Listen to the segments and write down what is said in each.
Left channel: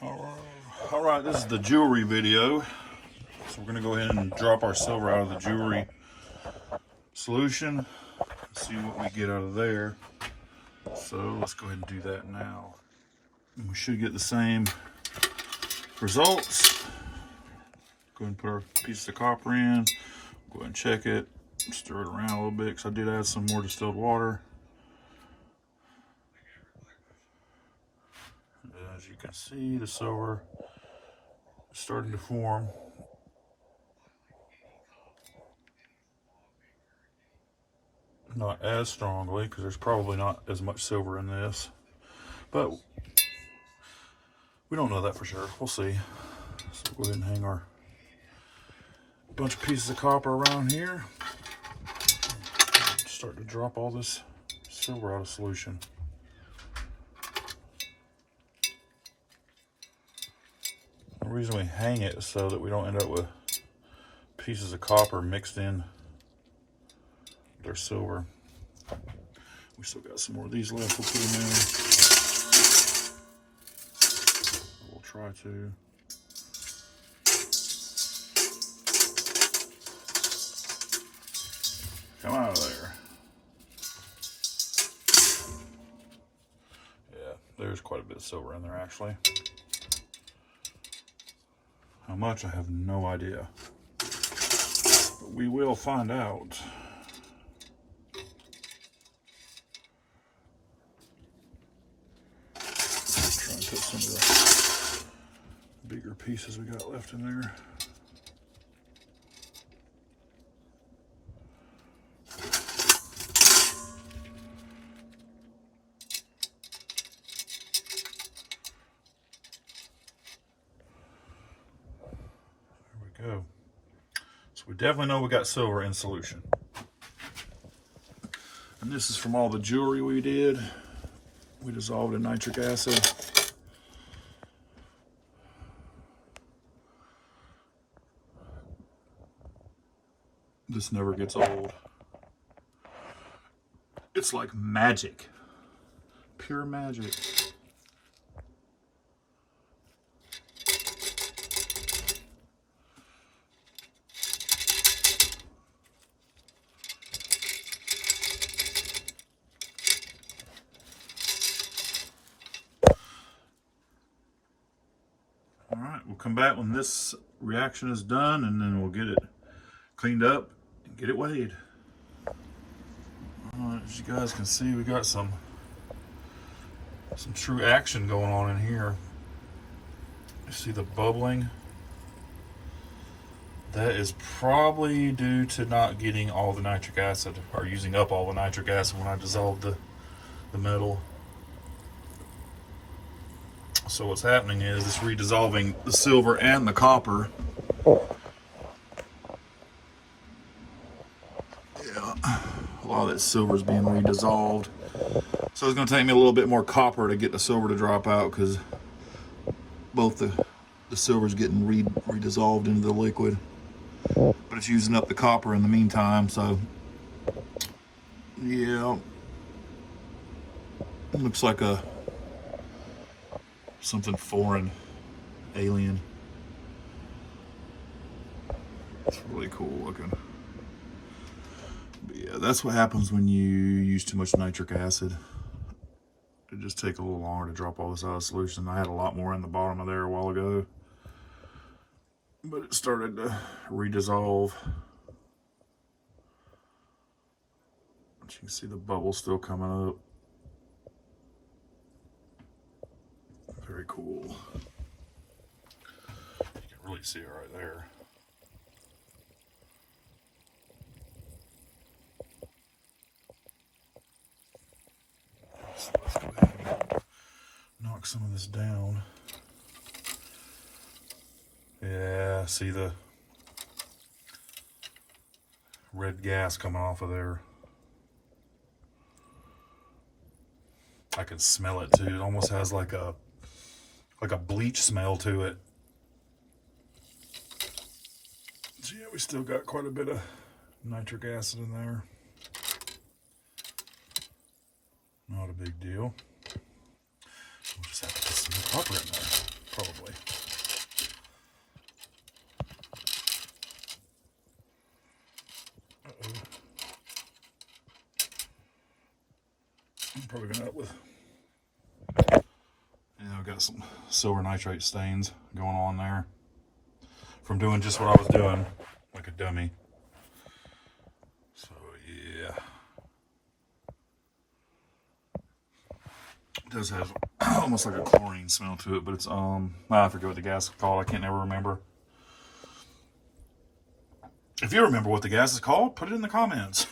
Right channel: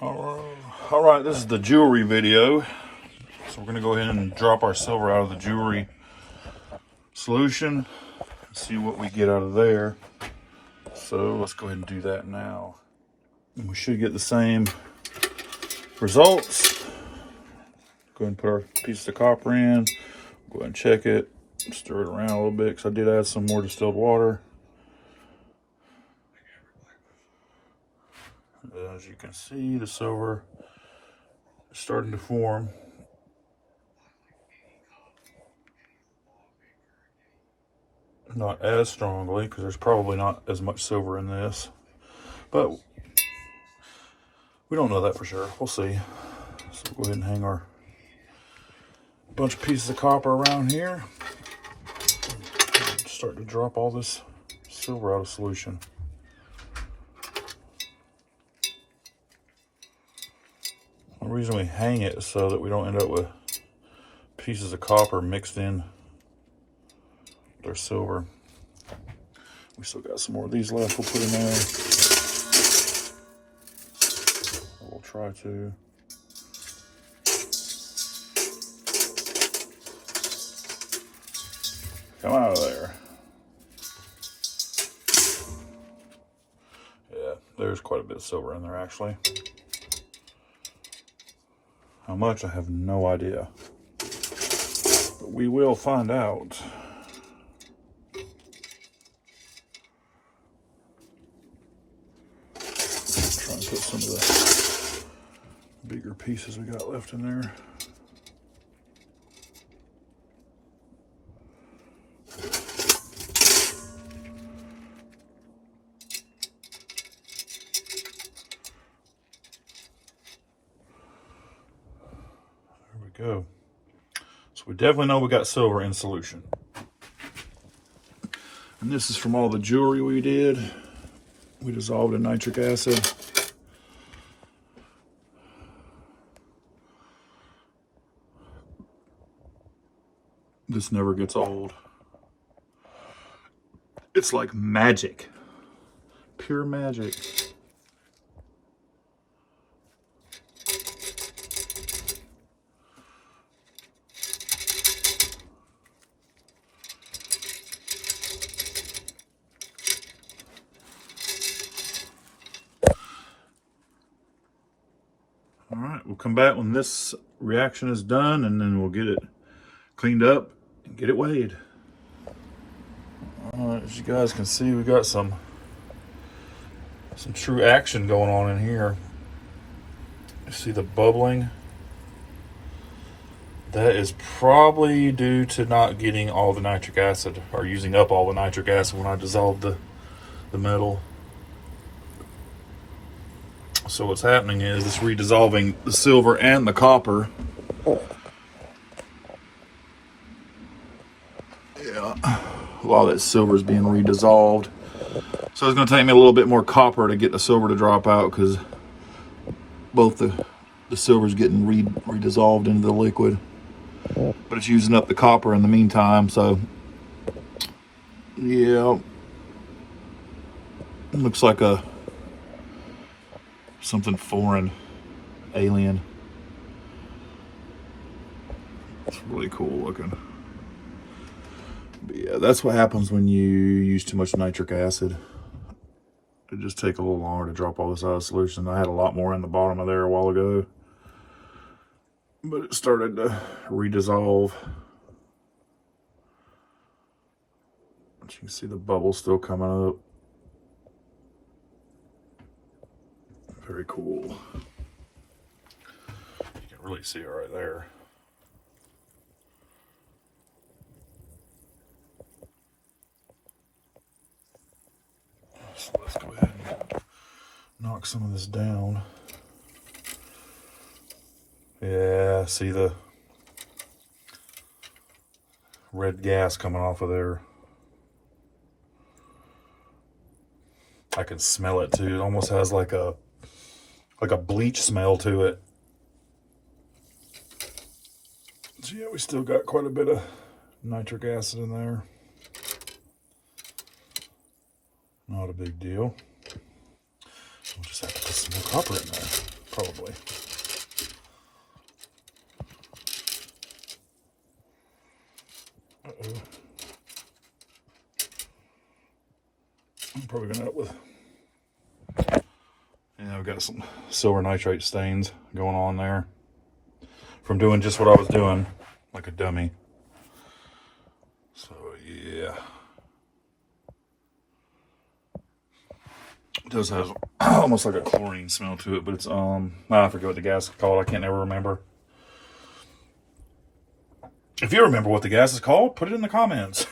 All right, this is the jewelry video. So we're gonna go ahead and drop our silver out of the jewelry solution, see what we get out of there. So let's go ahead and do that now. And we should get the same results. Go ahead and put our piece of copper in, go ahead and check it, stir it around a little bit because I did add some more distilled water. As you can see, the silver is starting to form. Not as strongly because there's probably not as much silver in this, but we don't know that for sure. We'll see. So go ahead and hang our bunch of pieces of copper around here. Start to drop all this silver out of solution. The reason we hang it is so that we don't end up with pieces of copper mixed in with our silver. We still got some more of these left. We'll put in there. We'll try to. Come out of there. Yeah, there's quite a bit of silver in there actually. How much, I have no idea. But we will find out. Try and put some of the bigger pieces we got left in there. Go. So we definitely know we got silver in solution. And this is from all the jewelry we did. We dissolved in nitric acid. This never gets old. It's like magic. Pure magic. All right, we'll come back when this reaction is done and then we'll get it cleaned up and get it weighed. All right, as you guys can see, we got some true action going on in here. You see the bubbling? That is probably due to not getting all the nitric acid or using up all the nitric acid when I dissolved the metal. So what's happening is it's redissolving the silver and the copper. Yeah, a lot of that silver is being redissolved. So it's going to take me a little bit more copper to get the silver to drop out because both the silver is getting redissolved into the liquid. But it's using up the copper in the meantime, so yeah. It looks like something foreign, alien. It's really cool looking. But yeah, that's what happens when you use too much nitric acid. It just takes a little longer to drop all this out of solution. I had a lot more in the bottom of there a while ago, but it started to redissolve. But you can see the bubbles still coming up. Very cool. You can really see it right there. So let's go ahead and knock some of this down. Yeah, see the red gas coming off of there. I can smell it too. It almost has like a bleach smell to it. So yeah, we still got quite a bit of nitric acid in there. Not a big deal. We'll just have to put some more copper in there. probably. I'm probably gonna end up with, I've got some silver nitrate stains going on there from doing just what I was doing, like a dummy. So yeah, it does have almost like a chlorine smell to it, but it's I forget what the gas is called. I can't ever remember. If you remember what the gas is called, put it in the comments.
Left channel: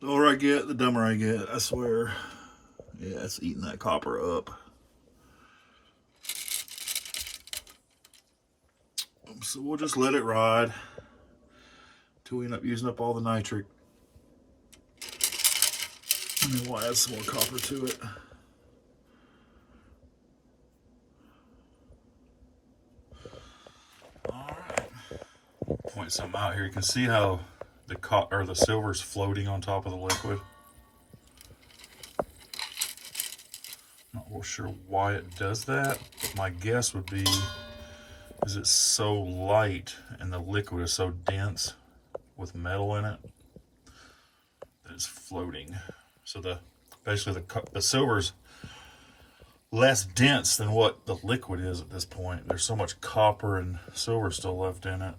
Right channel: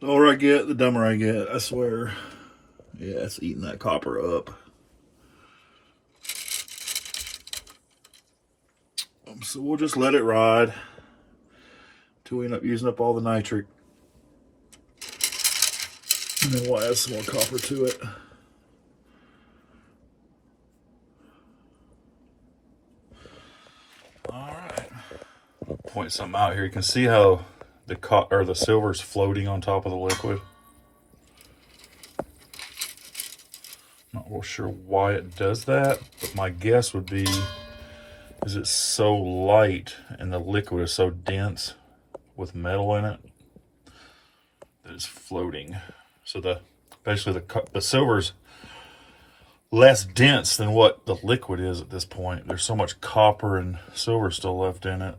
The older I get, the dumber I get, I swear. Yeah, it's eating that copper up. So we'll just let it ride until we end up using up all the nitric. And then we'll add some more copper to it. All right. Point something out here. You can see how the silver's floating on top of the liquid. Not real sure why it does that, but my guess would be is it's so light and the liquid is so dense with metal in it that it's floating. So basically the silver's less dense than what the liquid is at this point. There's so much copper and silver still left in it.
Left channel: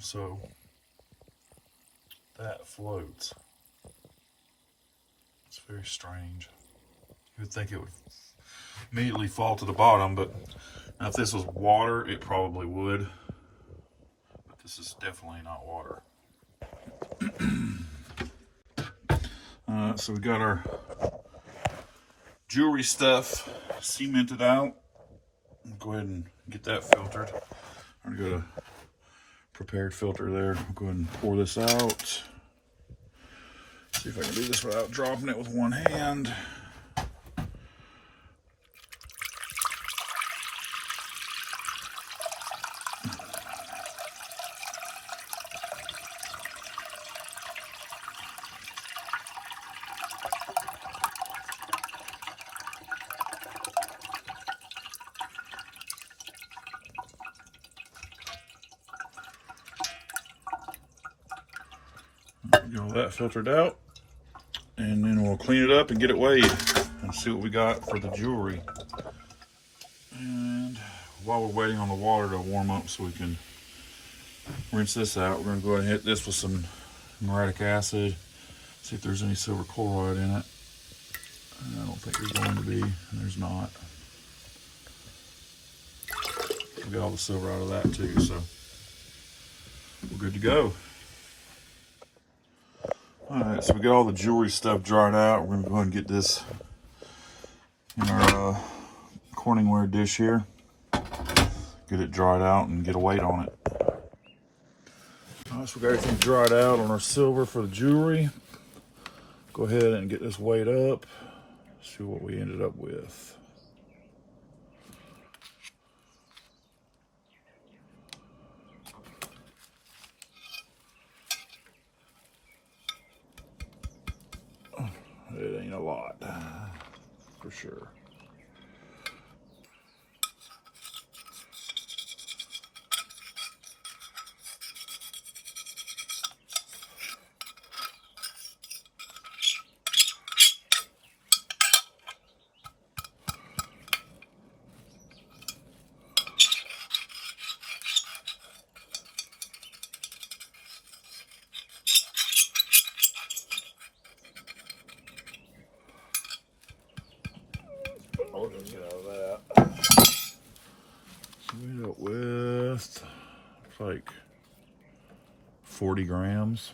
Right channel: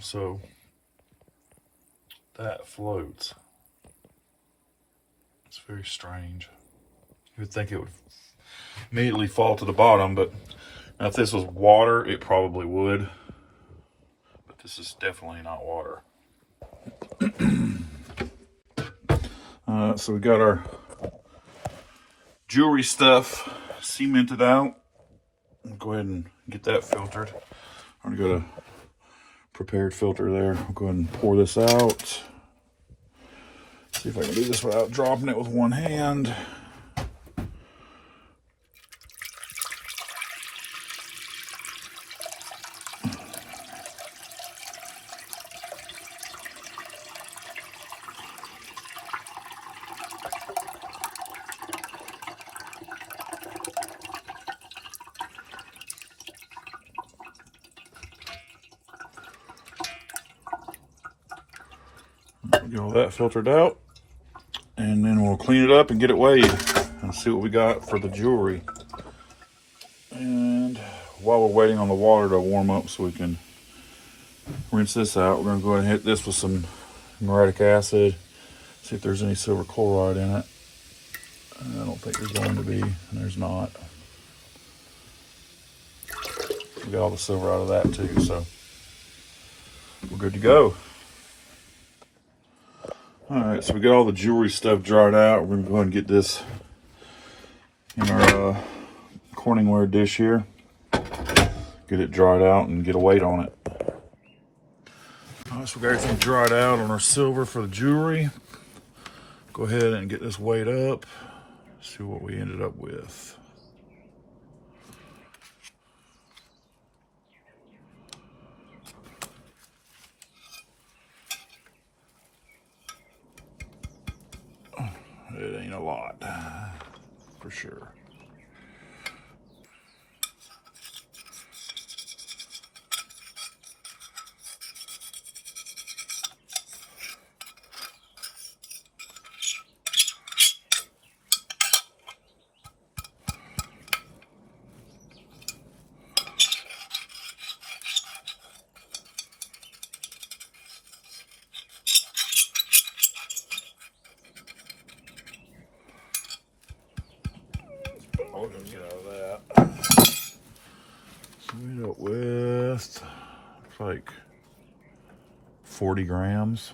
So that floats. It's very strange. You would think it would immediately fall to the bottom, but now if this was water, it probably would. But this is definitely not water. So we got our jewelry stuff cemented out. I'll go ahead and get that filtered. I already got a prepared filter there. I'll go ahead and pour this out. See if I can do this without dropping it with one hand. Get all that filtered out, and then we'll clean it up and get it weighed and see what we got for the jewelry. And while we're waiting on the water to warm up so we can rinse this out, we're going to go ahead and hit this with some muriatic acid, see if there's any silver chloride in it. I don't think there's going to be, and there's not. We got all the silver out of that too, so we're good to go. All right, so we got all the jewelry stuff dried out. We're gonna go ahead and get this in our Corningware dish here. Get it dried out and get a weight on it. All right, so we got everything dried out on our silver for the jewelry. Go ahead and get this weighed up. See what we ended up with. It ain't a lot, for sure. We got with like 40 grams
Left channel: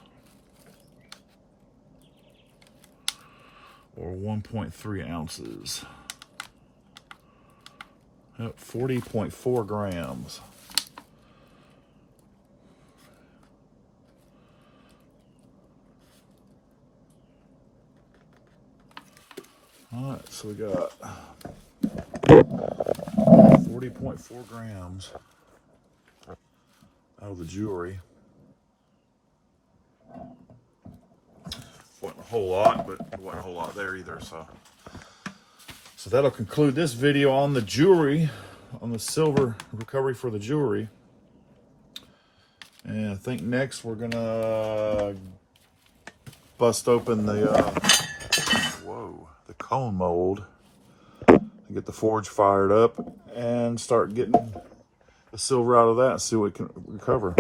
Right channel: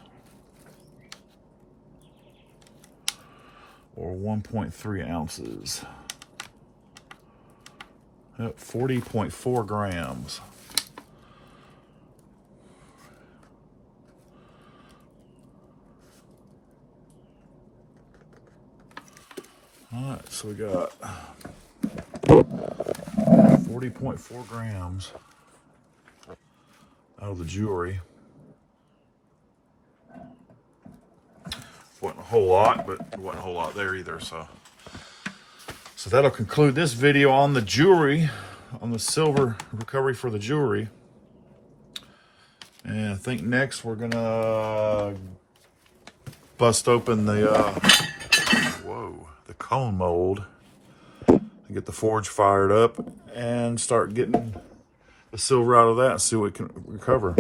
or 1.3 ounces. Yep, 40.4 grams. All right, so we got 40.4 grams out of the jewelry. Wasn't a whole lot, but there wasn't a whole lot there either, so So that'll conclude this video on the jewelry, on the silver recovery for the jewelry. And I think next we're gonna bust open the the cone mold and get the forge fired up and start getting the silver out of that, see what it can recover.